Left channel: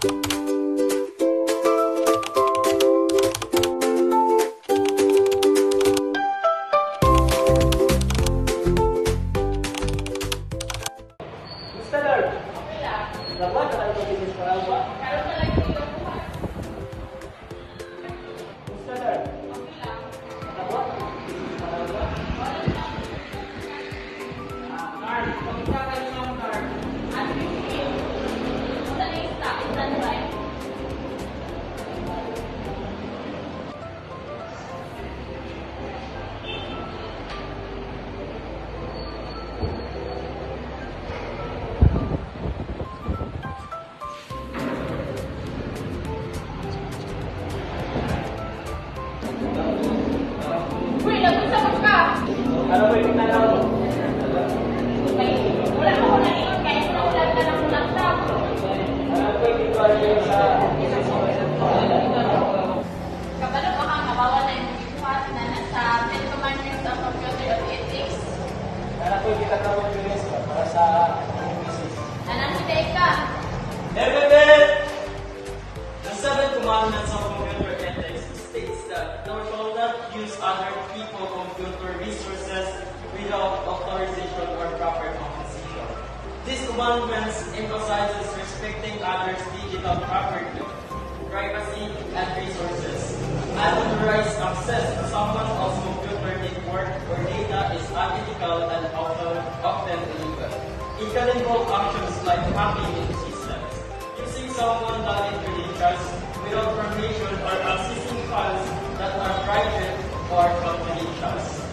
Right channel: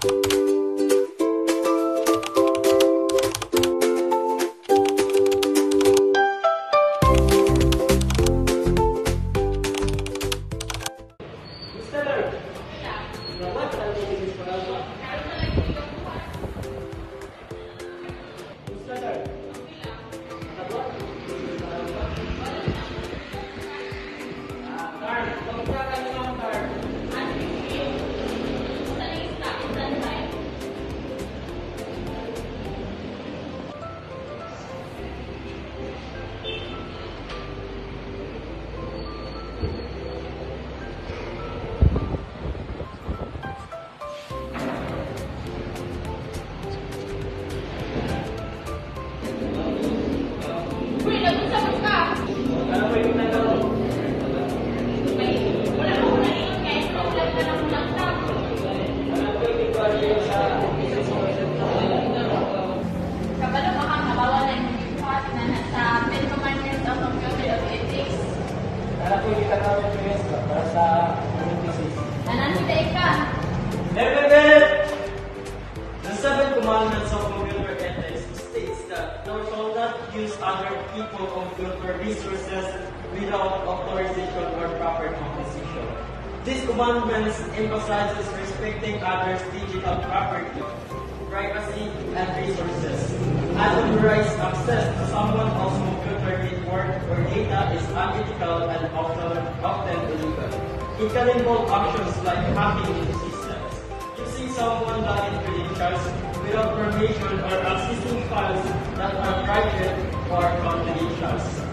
The seventh commandments of computer ethics states that thou shalt not use other people's computer resources without authorization or proper compensation. These commandments emphasizes respecting others' digital property, privacy, and resources. Unauthorized access to someone else's computer network or data is unethical and often illegal. It can involve actions like hacking into systems, using someone's valid credentials without permission, or accessing files that are private or confidential.